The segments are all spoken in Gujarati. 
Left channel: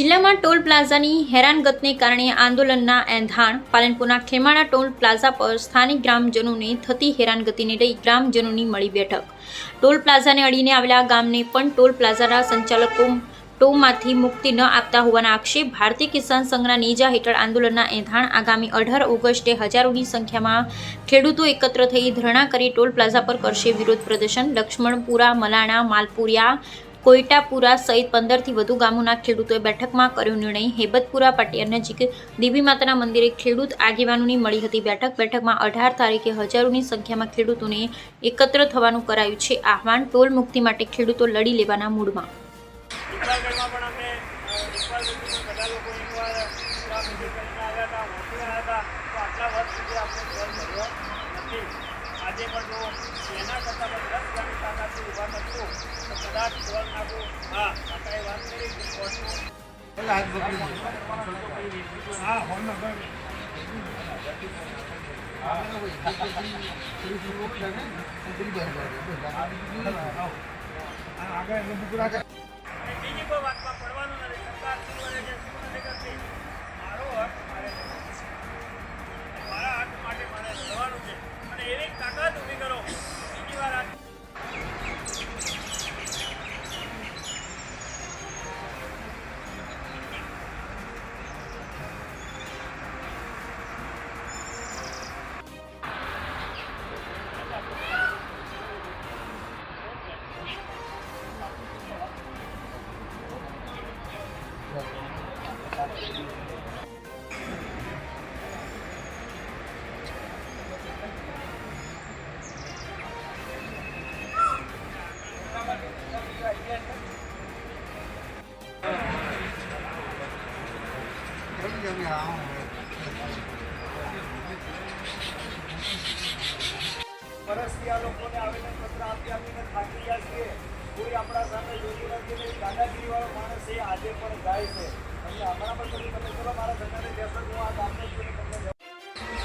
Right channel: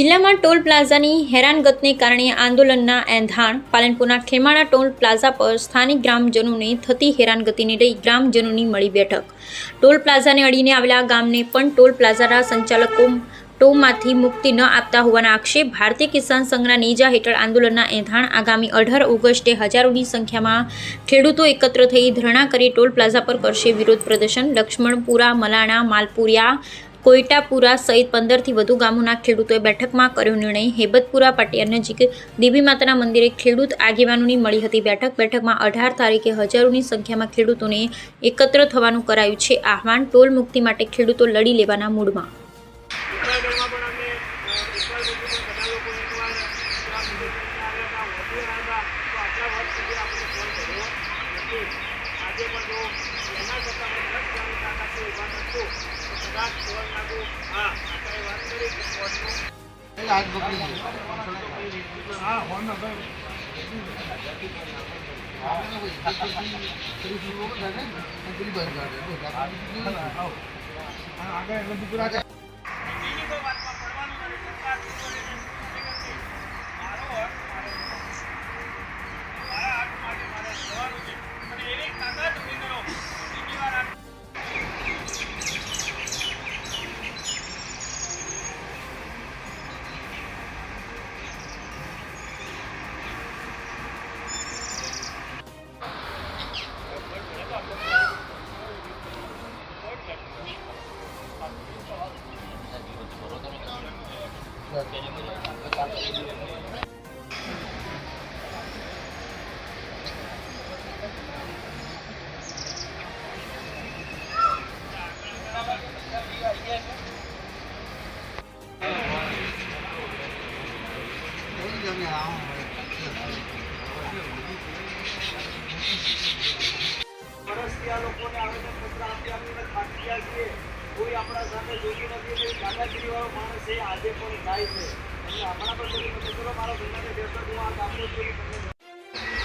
જિલ્લામાં ટોલ પ્લાઝાની હેરાનગતિને કારણે આંદોલનના એંધાણ. પાલનપુરના ખેમાણા ટોલ પ્લાઝા પર સ્થાનિક ગ્રામજનોને થતી હેરાનગતિને લઈ ગ્રામજનોની મળી બેઠક. ટોલ પ્લાઝાને અડીને આવેલા ગામને પણ ટોલ પ્લાઝાના સંચાલકો ટોલમાંથી મુક્તિ ન આપતા હોવાના આક્ષેપ. ભારતીય કિસાન સંઘના નેજા હેઠળ આંદોલનના એંધાણ. આગામી 18 ઓગસ્ટે હજારોની સંખ્યામાં ખેડૂતો એકત્ર થઈ ધરણા કરી ટોલ પ્લાઝા પર કરશે વિરોધ પ્રદર્શન. લક્ષ્મણપુરા, મલાણા, માલપુરિયા, કોયટાપુરા સહિત 15થી વધુ ગામોના ખેડૂતોએ બેઠકમાં કર્યો નિર્ણય. હેબતપુરા પાટિયા નજીક દેવી માતાના મંદિરે ખેડૂત આગેવાનોની મળી હતી બેઠક. બેઠકમાં 18 તારીખે હજારોની સંખ્યામાં ખેડૂતોને એકત્ર થવાનું કરાયું છે આહવાન. ટોલ મુક્તિ માટે ખેડૂતો લડી લેવાના મૂડમાં. વર્ષથી આ લોકોને આવેદનપત્ર આપી આપીને થાકી ગયા છીએ. કોઈ આપણા સામે જોયું નથી. દાદાગીરીવાળો માણસ એ આજે પણ જાય છે. એટલે હમણાં પણ કોઈ મને ચલો મારા ધંધાને બેસો હું આ ગામને જોઈને તમને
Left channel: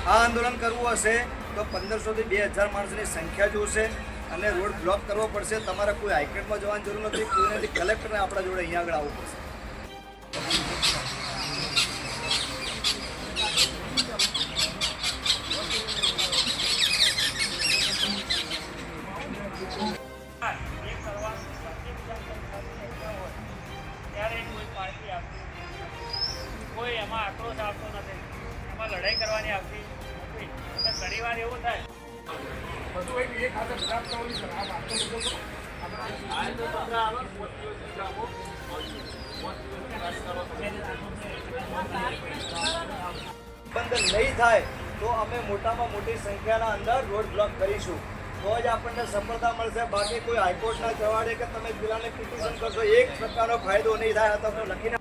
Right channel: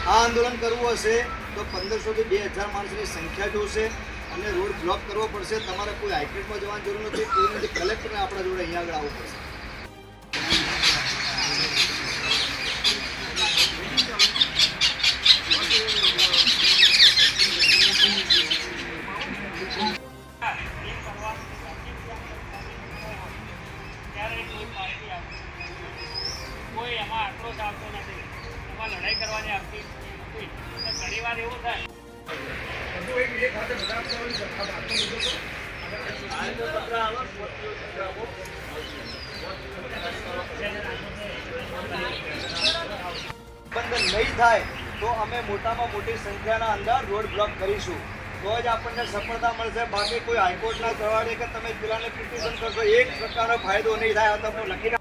આ આંદોલન કરવું હશે તો 1500 થી 2000 માણસની સંખ્યા જોશે અને રોડ બ્લોક કરવો પડશે. તમારે કોઈ હાઈકોર્ટમાં જવાની જરૂર નથી. કોઈ નથી. કલેક્ટરને આપણા જોડે અહીંયા આગળ આવવું પડશે. કોઈ એમાં આક્રોશ આવતો નથી, એમાં લડાઈ કરવાની આવતી નથી. એટલે ઘણી વાર એવું થાય બંધ નહીં થાય તો અમે મોટામાં મોટી સંખ્યાના અંદર રોડ બ્લોક કરીશું. તો જ આપણને સફળતા મળશે. બાકી કોઈ હાઈકોર્ટના ચવાડે કે તમે પેલાને પિટિશન કરશો એક પ્રકારનો ફાયદો નહીં થાય. તો આપણે લખીને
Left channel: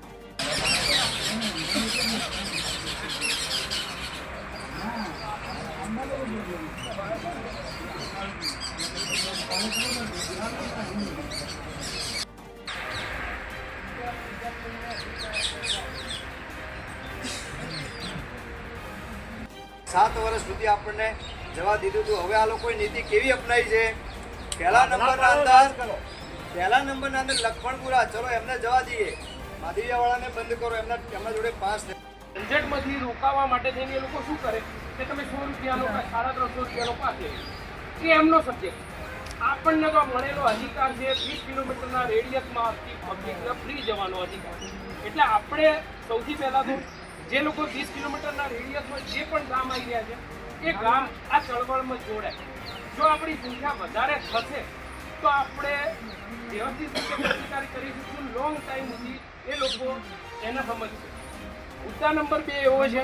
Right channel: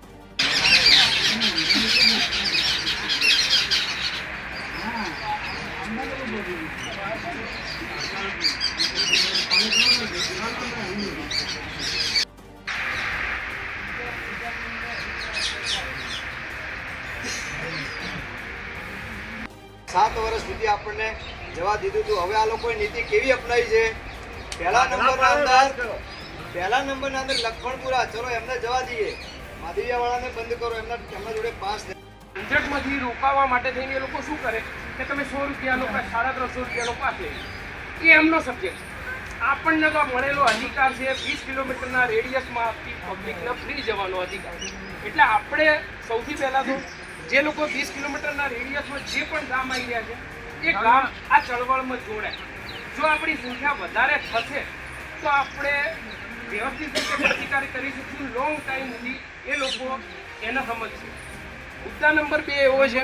7 વર્ષ સુધી આપણને જવા દીધું હતું. હવે આ લોકોએ નીતિ કેવી અપનાવી છે? પહેલા નંબરના અંદર લક્ષ્મણપુરા, ચલો એમને જવા દઈએ. માધવિયાવાળાને બંધ કરો. એમના જોડે પાસ ઝંઝટમાંથી રોકાવા માટે થઈને એ લોકો શું કરે કે તમે 100 રૂપિયા લો કે 350 રૂપિયા પાસે એ એમનો સબ્જેક્ટ. આપણને તો મળેલો અધિકાર છે 20 કિલોમીટરના રેડિયસમાં આપતી પબ્લિકને ફ્રી જવાનો અધિકાર. એટલે આપણે સૌથી પહેલાં તો જે લોકો 20 કિલોમીટરના રેડિયસમાં જે પણ ગામ આવી રહ્યા છે એ ગામ આ ચળવળમાં જોડાય. જો આપણી સંખ્યા વધારે થશે તો આપણે વ્યવસ્થિત રીતે પ્રતિકાર કરી શકીશું. લોંગ ટાઈમ સુધી એ લોકો એને સમજશે. મુદ્દા નંબર 2 એવો છે